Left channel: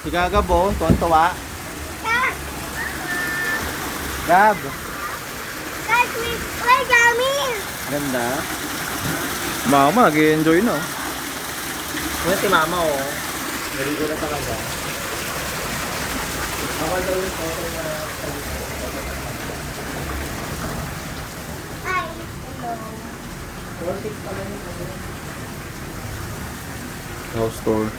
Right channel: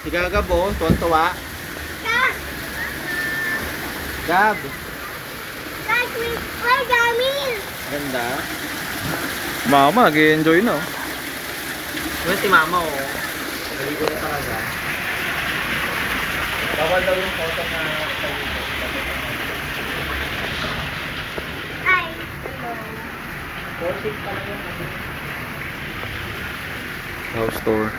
Si Gagabong, tuwan-tuwa. Gab. Ganda. Mama, nag-enjoy na. Yung si Mama, oh. Naligo na talaga. Bawal daw yung photo na... Hi. Hello. 4-6 pala yung kasi. House tour.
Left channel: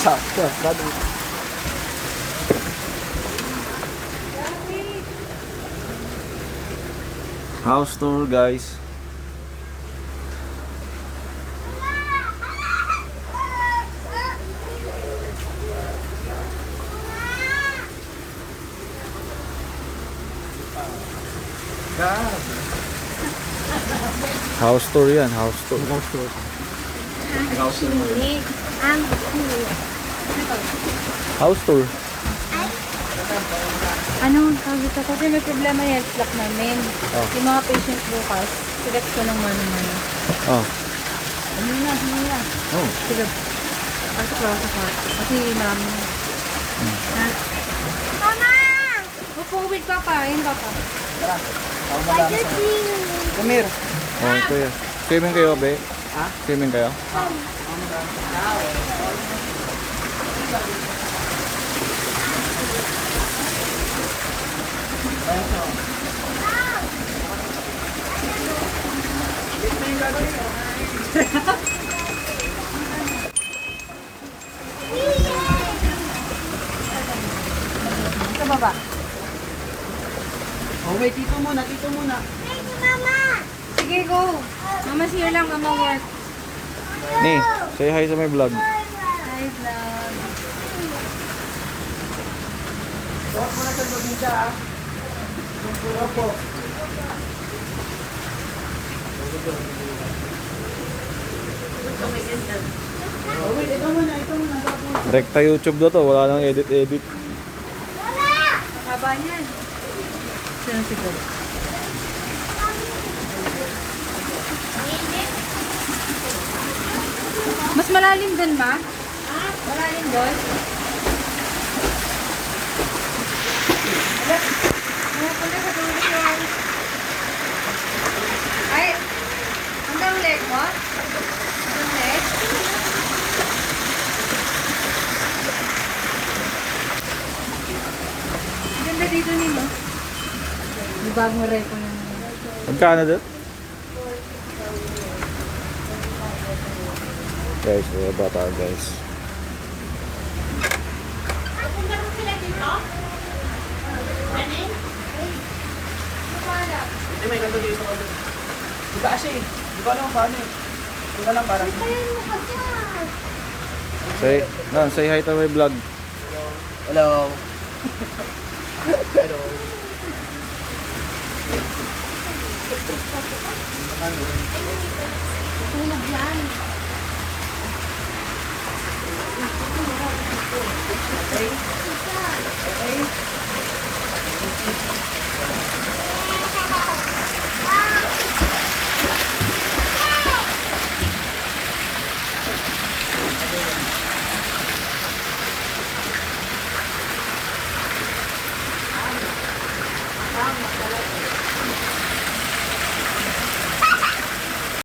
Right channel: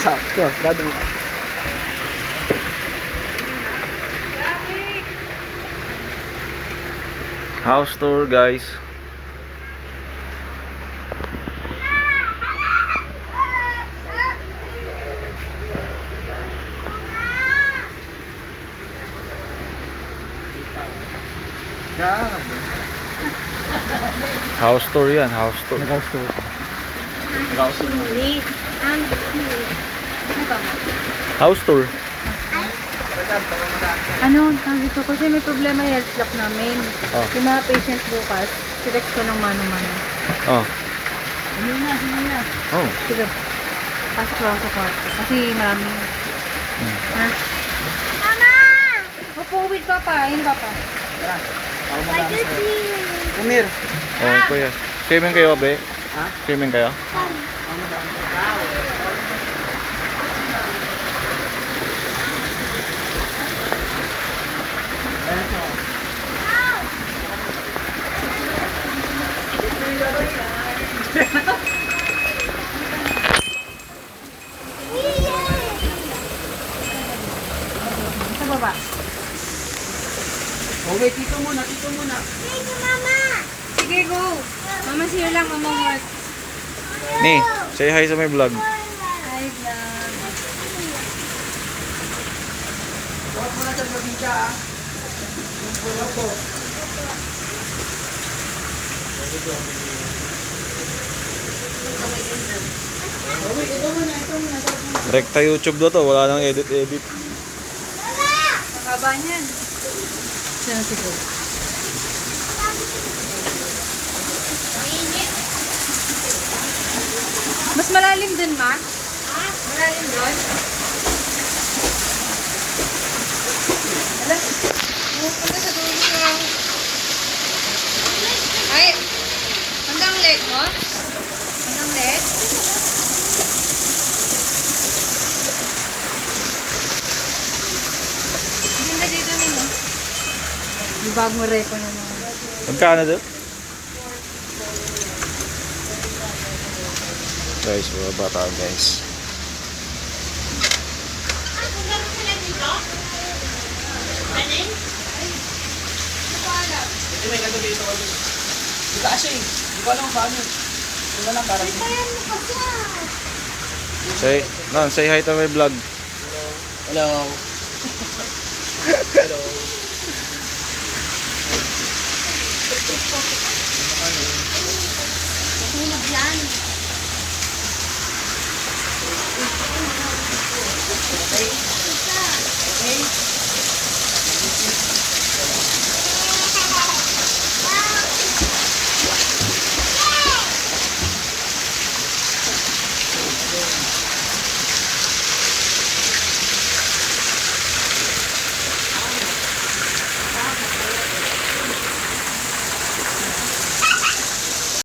Sakto, brother. House tour, guys. Gab. House tour yan, house tour. House tour. House tour. I'm cool. House tour. Ano, sabi ko kasi may problema yung health block namin. Oh. Yung mga patient bukas, select ko ng mano-mano. Oh. Ano na, ano na. Oh. Sige. Pasok lang ako. Kasi namin. Ha? Mama! Mapuwid ka pa, ayun ka pa. Tara. Tawag mo Why lang you sa... sing? Come here. Oh, kuya. Swimming kayo, be? Ha? Swimming kayo? Sa baba. Oh, wait. Dito muna. Dito muna. Sige, go. Mama, siya lang ang work. Ni, say hi sa my vlog. Hi, vlog. Huwag mo na sa probinsya, ah. Huwag po. Oh, wait. Ito muna. Ito muna. Rekta YouTube na to, wala nang edit-edit. Baba niyan. Saan si Go? Mas malalim din ba? Malalim doon? Punta sa dulo siya. Ay! Hanggang leg mo? Hanggang leg? Ganda dito nimo. Yung bagong reto na naman. Magkano doon? Guys, mga bata guys. Hindi, may ganito dito. Di ka kasi. Di ko alam kung paano. Di ko alam parang. Say hi to my vlog. Hello. Hello. Tulog yan. Okay.